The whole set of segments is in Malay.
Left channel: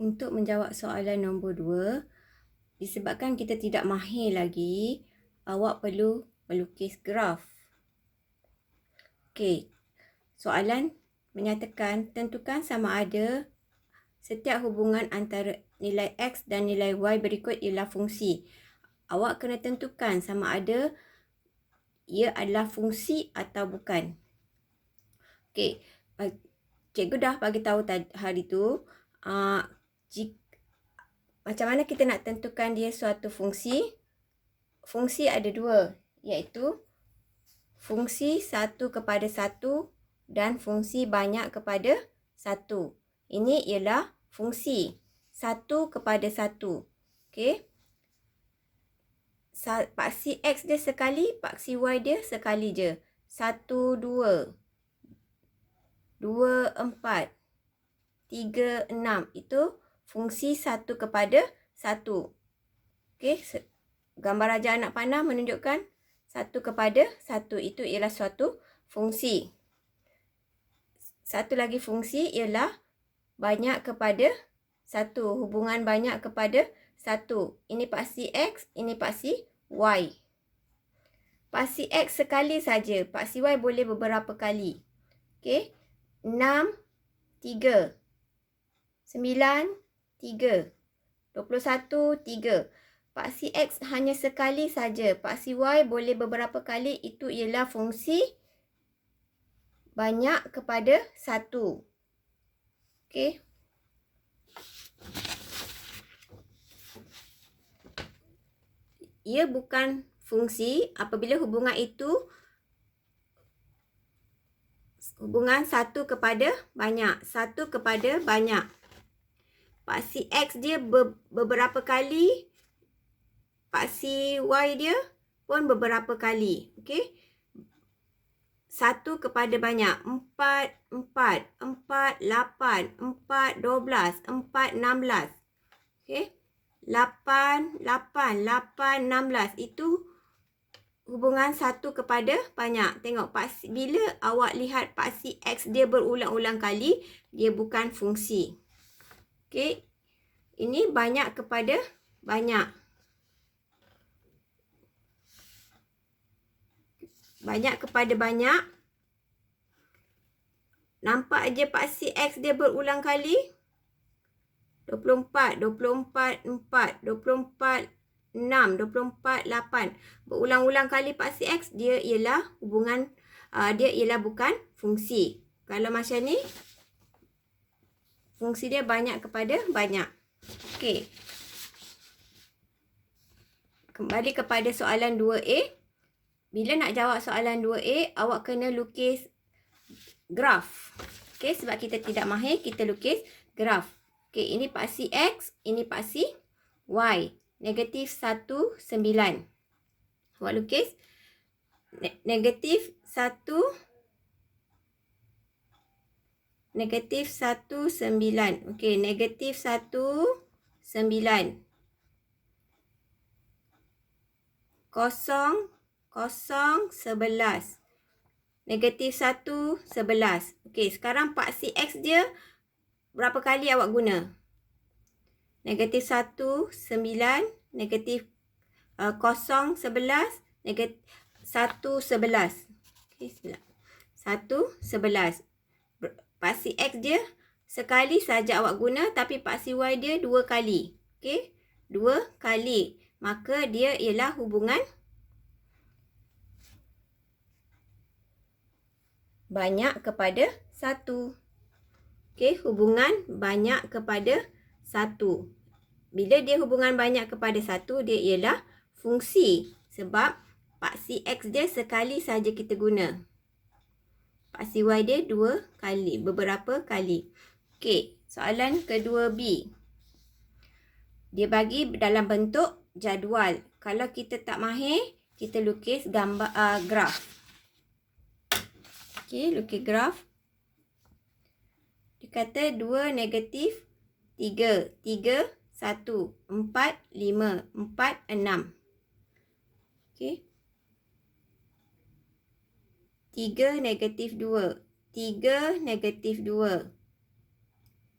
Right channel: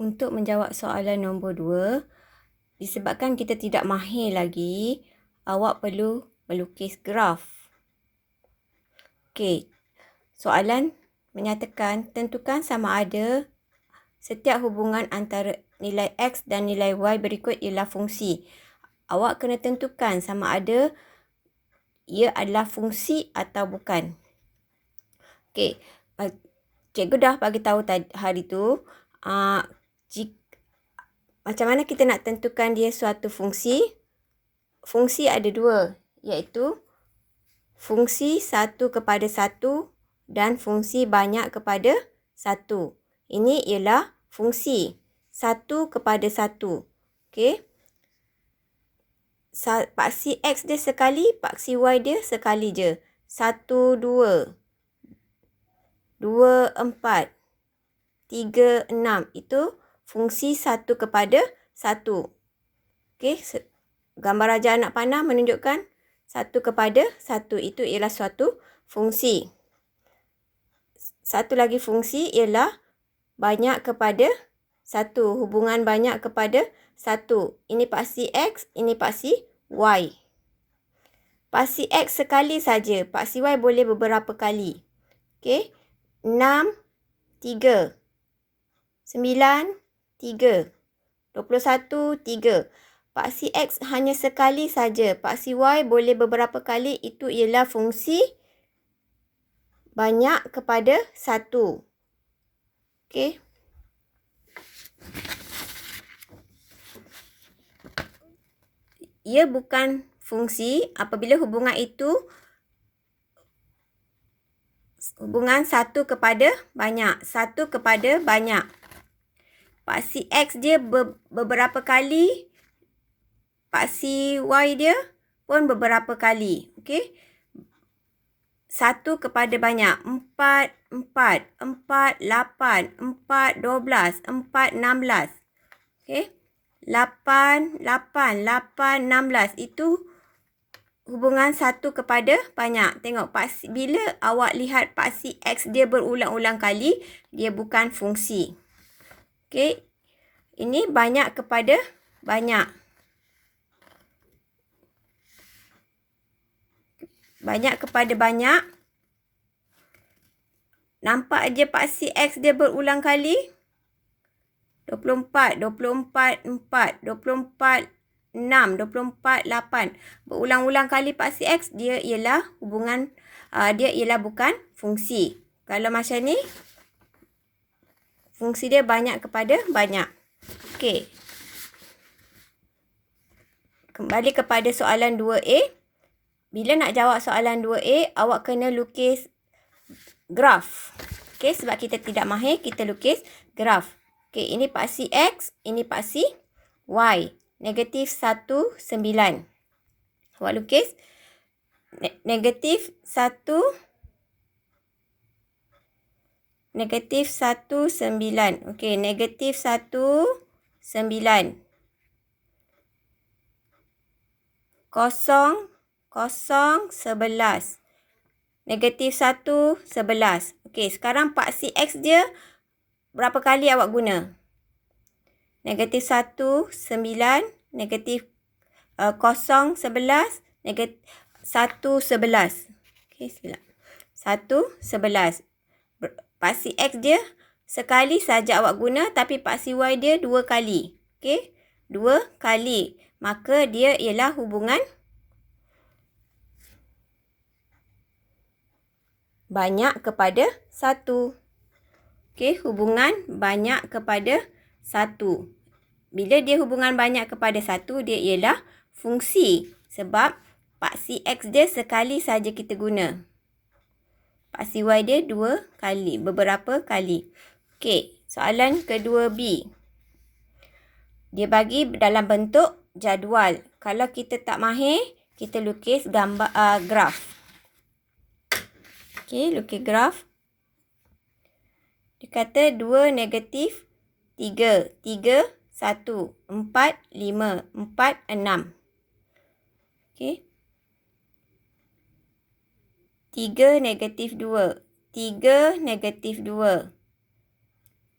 Untuk menjawab soalan nombor 2, disebabkan kita tidak mahir lagi, awak perlu melukis graf. Okey, soalan menyatakan tentukan sama ada setiap hubungan antara nilai X dan nilai Y berikut ialah fungsi. Awak kena tentukan sama ada ia adalah fungsi atau bukan. Okey, cikgu dah bagi tahu hari tu, macam mana kita nak tentukan dia suatu fungsi. Fungsi ada dua, iaitu fungsi 1/1 dan fungsi banyak kepada 1. Ini ialah fungsi 1/1. Okey. Paksi X dia sekali, paksi Y dia sekali je. 1, 2, 2, 4, 3, 6. Itu fungsi 1/1. Okey. Gambar raja anak panah menunjukkan 1/1. Itu ialah suatu fungsi. Satu lagi fungsi ialah banyak kepada 1. Hubungan banyak kepada 1. Ini paksi X, ini paksi Y. Paksi X sekali saja. Paksi Y boleh beberapa kali. Okey. 6, 3. 9, 3. 21, 3. Paksi X hanya sekali saja. Paksi Y boleh beberapa kali. Itu ialah fungsi banyak kepada 1. Okey. Ia bukan fungsi apabila hubungan itu hubungan 1 kepada banyak. 1 kepada banyak. Paksi X dia beberapa kali. Paksi Y dia pun beberapa kali. Okey. 1 kepada banyak. 4, 4, 4, 8, 4, 12, 4, 16. Okey. 8, 8, 8, 16. Itu hubungan 1 kepada banyak. Tengok, bila awak lihat paksi X dia berulang-ulang kali, dia bukan fungsi. Okey. Ini banyak kepada banyak. Banyak kepada banyak. Nampak je paksi X dia berulang kali. 24, 24, 4, 24, 6, 24, 8. Berulang-ulang kali paksi X, dia ialah hubungan, dia ialah bukan fungsi. Kalau macam ni, fungsi dia banyak kepada banyak. Okey. Kembali kepada soalan 2A. Bila nak jawab soalan 2A, awak kena lukis graf. Okey, sebab kita tidak mahir, kita lukis graf. Okey, ini paksi X, ini paksi Y. Negatif 1, 9. Awak lukis negatif 1, negatif 1, 9. Okey, negatif 1, 9. 0, 0, 11. Negatif 1, 11. Okey, sekarang paksi X dia berapa kali awak guna? Negatif 1, 9. Negatif 0, 11. Negatif 1, 11. Okey, 1, 11. Paksi X dia sekali saja awak guna, tapi paksi Y dia 2 kali. Okey, 2 kali. Maka dia ialah hubungan banyak kepada 1. Okey, hubungan banyak kepada 1. Bila dia hubungan banyak kepada 1, dia ialah fungsi. Sebab paksi X dia sekali saja kita guna. Paksi Y dia 2 kali, beberapa kali. Okey, soalan kedua B. Dia bagi dalam bentuk jadual. Kalau kita tak mahir, kita lukis gambar graf. Okey, lukis graf. Dia kata 2 negatif 3. 3, 1, 4, 5, 4, 6. Okey. 3 negatif 2. 3 negatif 2.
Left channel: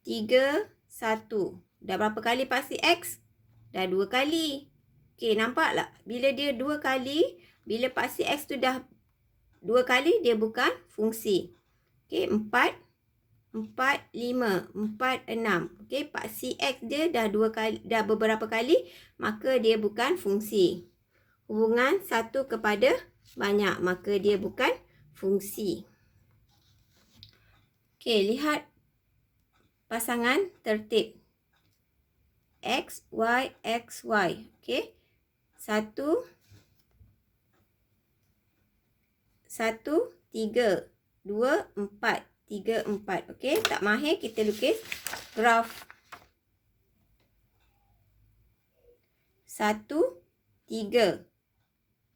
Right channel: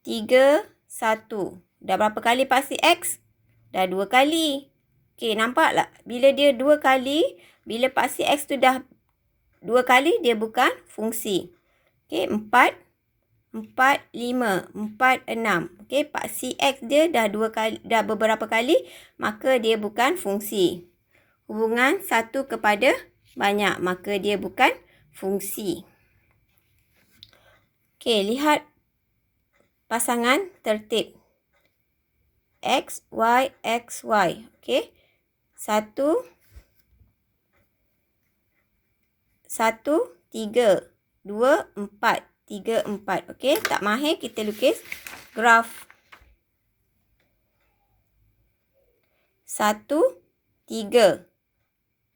3, 1. Dah berapa kali paksi X? Dah 2 kali. Okey, nampak tak? Bila dia 2 kali, bila paksi X tu dah 2 kali, dia bukan fungsi. Okey, 4, 4, 5, 4, 6. Okey, paksi X dia dah 2 kali, dah beberapa kali, maka dia bukan fungsi. Hubungan 1 kepada banyak, maka dia bukan fungsi. Okey, lihat pasangan tertib. X, Y, X, Y. Okey. 1, 3, 2, 4. 3, 4. Okey, tak mahir kita lukis graf. 1, 3,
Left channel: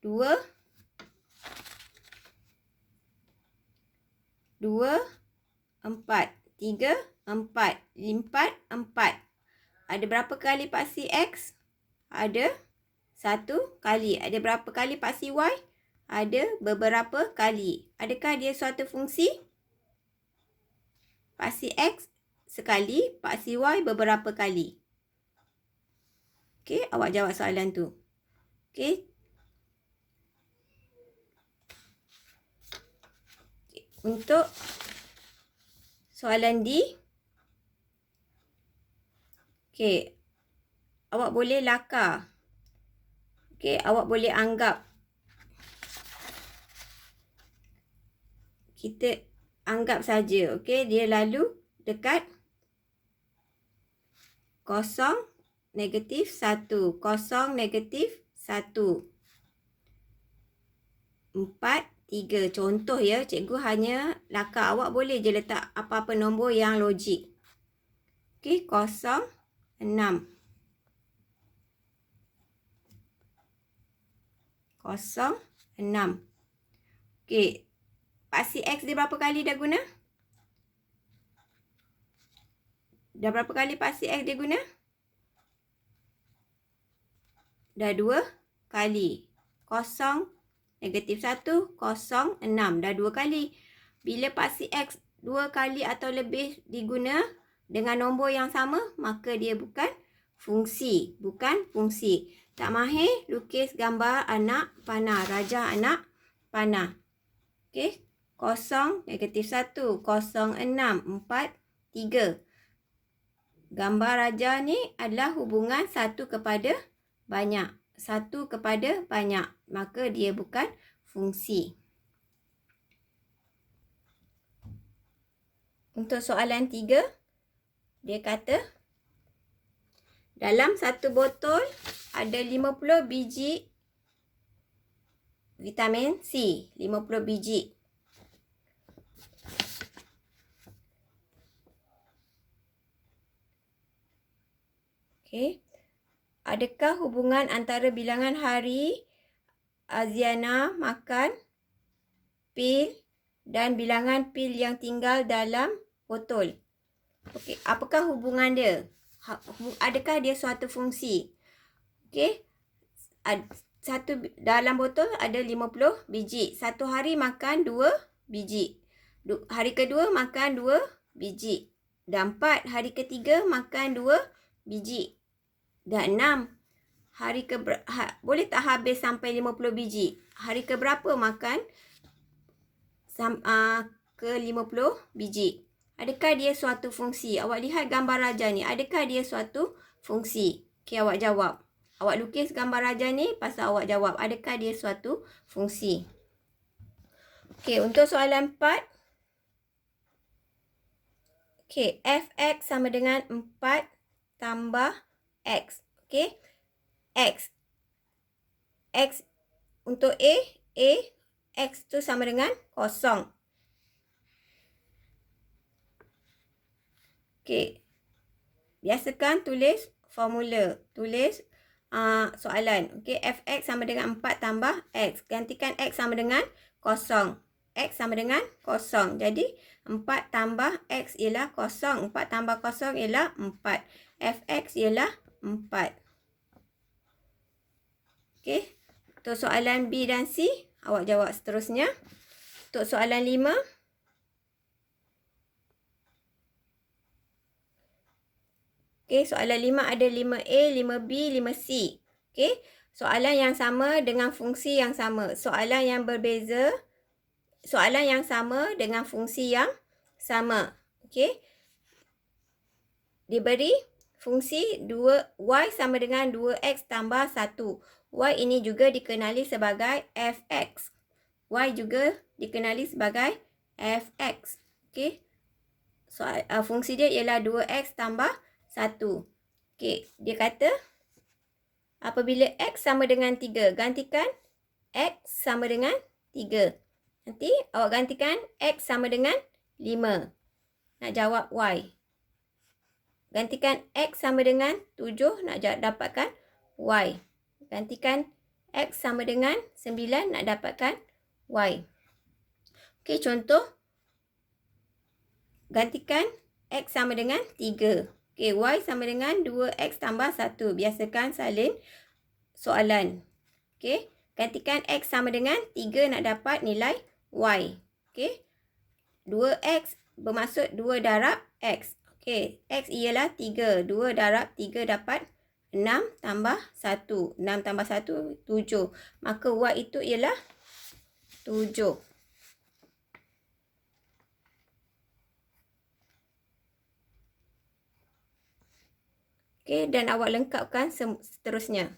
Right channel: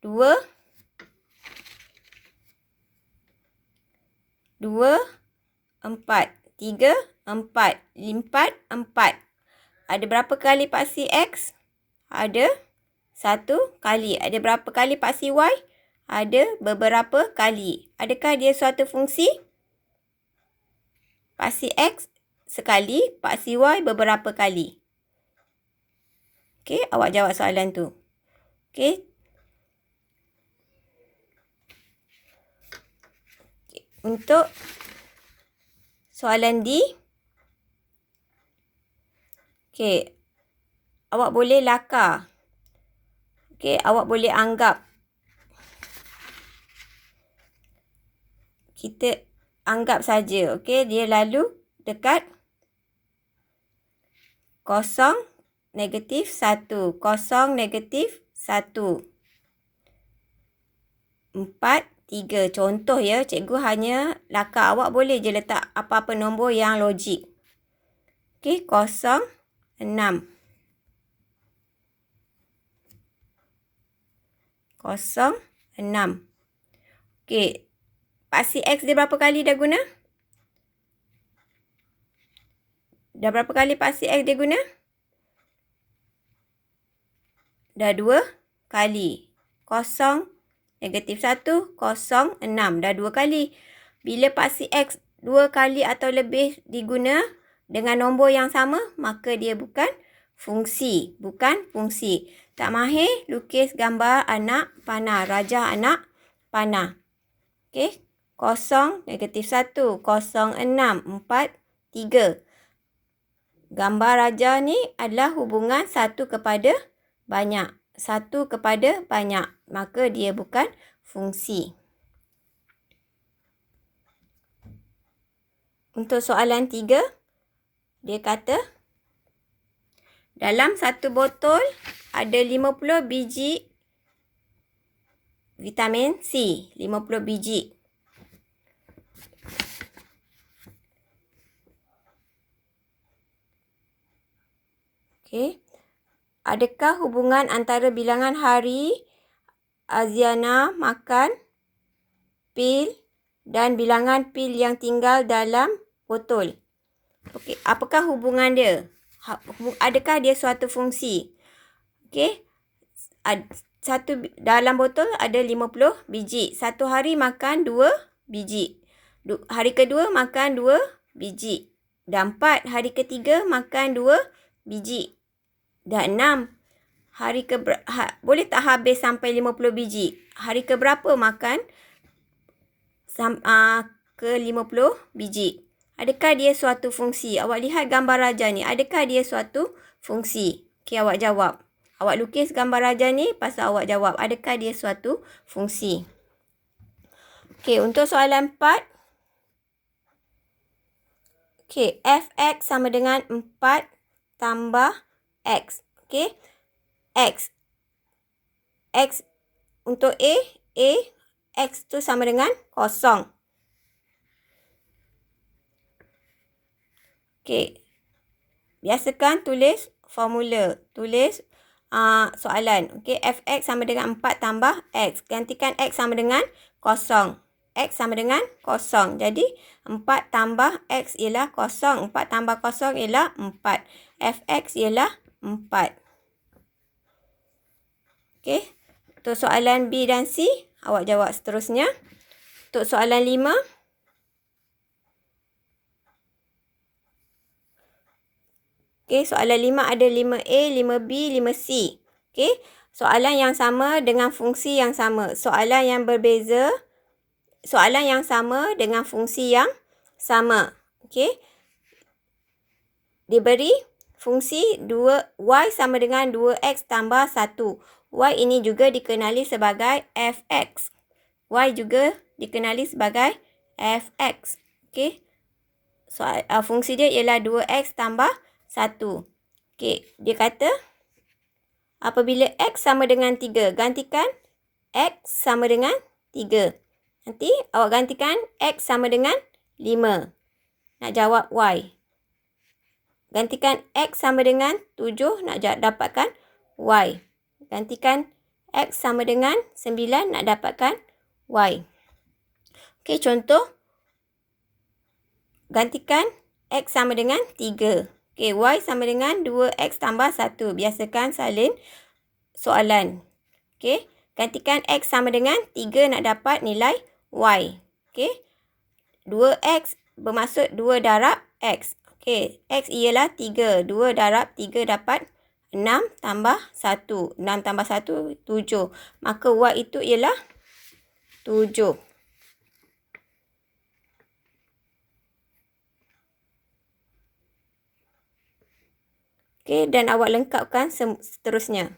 2, 4. 3, 4. 4. Ada berapa kali paksi X? Ada 1 kali. Ada berapa kali paksi Y? Ada beberapa kali. Adakah dia suatu fungsi? Paksi X sekali, paksi Y beberapa kali. Okey, awak jawab soalan tu. Okey. Untuk soalan D. Okey. Awak boleh lakar. Okey, awak boleh anggap. Kita anggap saja. Okey, dia lalu dekat 0, negatif 1. 0, negatif 1. 4, 3. Contoh ya, cikgu hanya lakar. Awak boleh je letak apa-apa nombor yang logik. Okey, 0, 6. 0, 6. Okey, paksi X dia berapa kali dah guna? Dah berapa kali paksi X dia guna? Dah 2 kali. 0, negatif 1, 0, 6. Dah 2 kali. Bila paksi X 2 kali atau lebih diguna dengan nombor yang sama, maka dia bukan fungsi. Bukan fungsi. Tak mahir, lukis gambar anak panah. Rajah anak panah. Okey. 0, negatif 1, 0, 6, 4, 3. Gambar rajah ni adalah hubungan 1 kepada banyak. 1 kepada banyak. Maka dia bukan fungsi. Untuk soalan 3, dia kata dalam satu botol ada 50 biji vitamin C. 50 biji. Okey. Adakah hubungan antara bilangan hari Aziana makan pil dan bilangan pil yang tinggal dalam botol? Okey, apakah hubungan dia? Adakah dia suatu fungsi? Okey. Dalam botol ada 50 biji. Satu hari makan 2 biji. Hari kedua makan 2 biji. Dan 4, hari ketiga makan 2 biji. Dan 6, boleh tak habis sampai 50 biji? Hari keberapa makan ke 50 biji? Adakah dia suatu fungsi? Awak lihat gambar rajah ni. Adakah dia suatu fungsi? Okey, awak jawab. Awak lukis gambar rajah ni, pasal awak jawab. Adakah dia suatu fungsi? Okey, untuk soalan 4. Okey, fx sama dengan 4 tambah X. Okey. X. X untuk A. X tu sama dengan 0. Okey. Biasakan tulis formula. Tulis soalan. Okey. Fx sama dengan 4 tambah X. Gantikan X sama dengan 0. X sama dengan 0. Jadi 4 tambah X ialah 0. 4 tambah 0 ialah 4. Fx ialah 4. Okey. Untuk soalan B dan C, awak jawab seterusnya. Untuk soalan 5. Okey, soalan 5 ada 5A, 5B, 5C. Okey, soalan yang sama dengan fungsi yang sama. Soalan yang berbeza, soalan yang sama dengan fungsi yang sama. Okey, diberi fungsi y sama dengan 2x tambah 1. Y ini juga dikenali sebagai fx. Y juga dikenali sebagai fx. Okey, fungsi dia ialah 2x tambah 1. Okey, dia kata apabila x sama dengan 3, gantikan x sama dengan 3. Nanti awak gantikan x sama dengan 5. Nak jawab y. Gantikan x sama dengan 7, nak dapatkan y. Gantikan x sama dengan 9, nak dapatkan y. Okey, contoh. Gantikan x sama dengan 3. Okey, y sama dengan 2x tambah 1. Biasakan salin soalan. Okey, gantikan x sama dengan 3, nak dapat nilai y. Okey, 2x bermaksud 2 darab x. Okey, x ialah 3. 2 darab 3 dapat 6 tambah 1. 6 tambah 1, 7. Maka y itu ialah 7. Okey, dan awak lengkapkan seterusnya.